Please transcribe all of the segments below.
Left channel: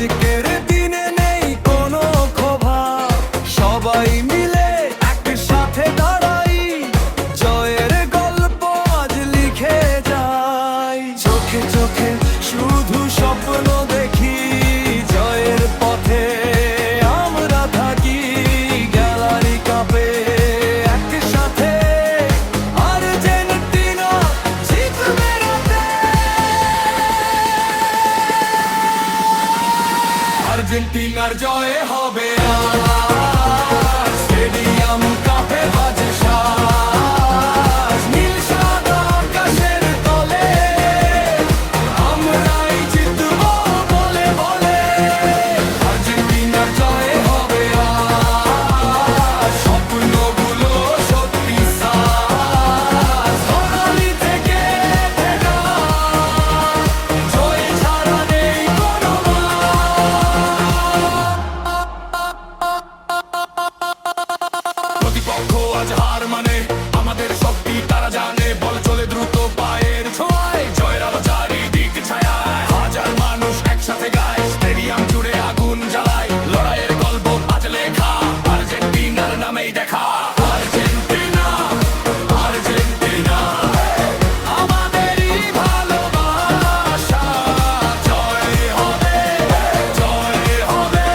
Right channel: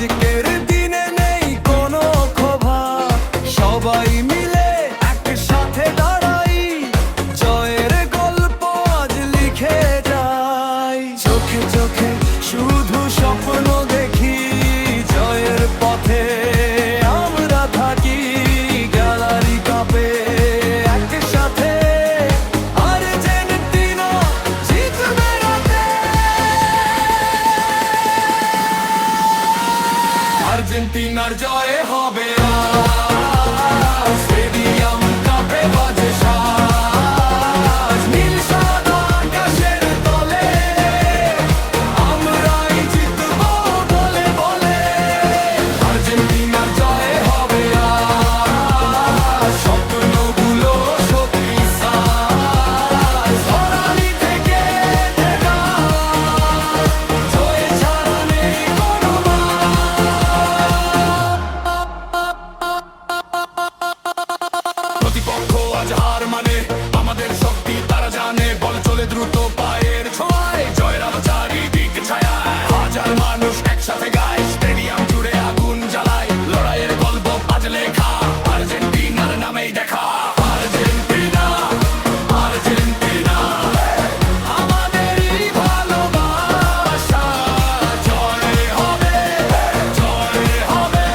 আজকের দিনে নেই কোনো ক্ষোভা, সবাই মিলে একসাথে দাঁড়াই, জয়ের গল্প আজ লিখে যাই। চোখে চোখে শুধু স্বপ্ন দেখি, জয়ের পথে আমরা থাকি, গ্যালারি কাঁপে একসাথে, আর্জেন্টিনা জিতবে রাতে। আর্জেন্টিনার জয় হবে আজ, স্টেডিয়াম কাঁপে বাজে সাজ, নীল সাদা আকাশের তলে আমরাই জিতবো বলে বলে। আর্জেন্টিনার জয় হবে আজ, স্বপ্নগুলো সত্যি সাজ, ধরালি থেকে ঠেকা, জয় ছাড়া নেই কোনো প্রতিপক্ষ আজ হার মানে আমাদের শক্তি তারা জানে, বল চলে দ্রুত পায়ের ছোঁয়ায়, জয়ের আলো চারিদিক ছায়ায়, হাজার মানুষ একসাথে গায়, স্টেডিয়াম জুড়ে আগুন জ্বালায়, লড়াইয়ের গল্প আজ লেখা, আর্জেন্টিনার নামেই দেখা। আর্জেন্টিনা আর্জেন্টিনা আমাদেরই ভালোবাসা, জয় হবে জয় হবে,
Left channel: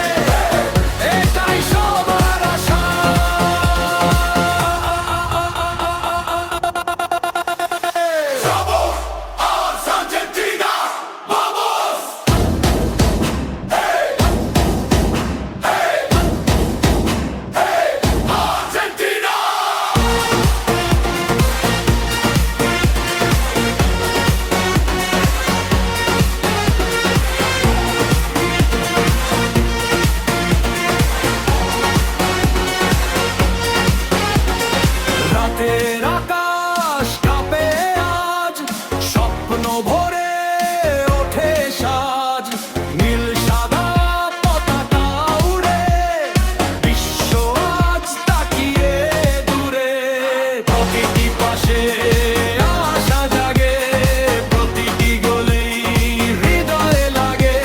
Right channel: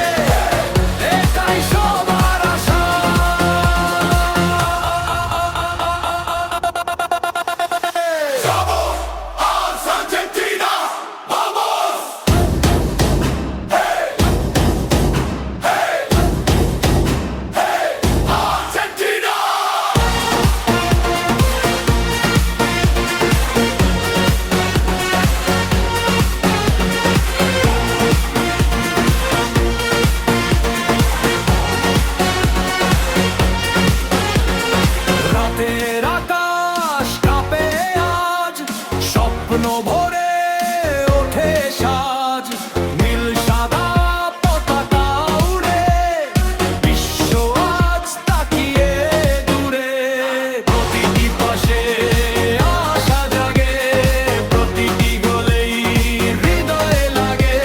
এটাই সবার আশা। Vamos, Argentina, vamos! Hey, hey, hey, Argentina! রাতের আকাশ কাঁপে আজ, স্বপ্ন ভরে ওঠে সাজ, নীল সাদা পতাকা উড়ে, বিশ্ব আজ তাকিয়ে দূরে, প্রতিটি পাশে আশা জাগে, প্রতিটি গোলেই হৃদয়ে লাগে,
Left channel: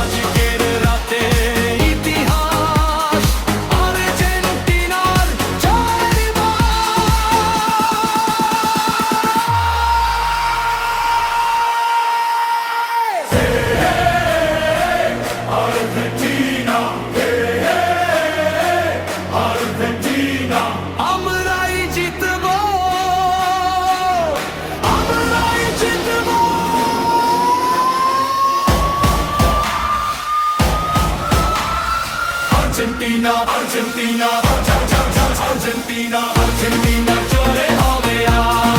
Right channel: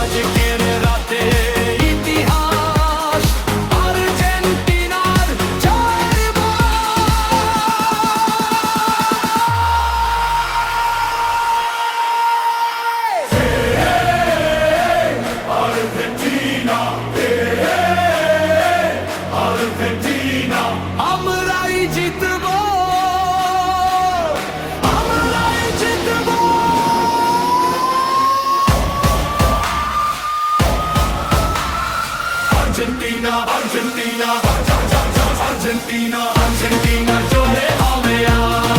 আজকের রাতে ইতিহাস আর্জেন্টিনার জয়ের আর্জেন্টিনা, আর্জেন্টিনা আমরাই জিতবো, আমরাই জিতবো। আর্জেন্টিনা আর্জেন্টিনা আর্জেন্টিনা আর্জেন্টিনার জয় হবে আজ।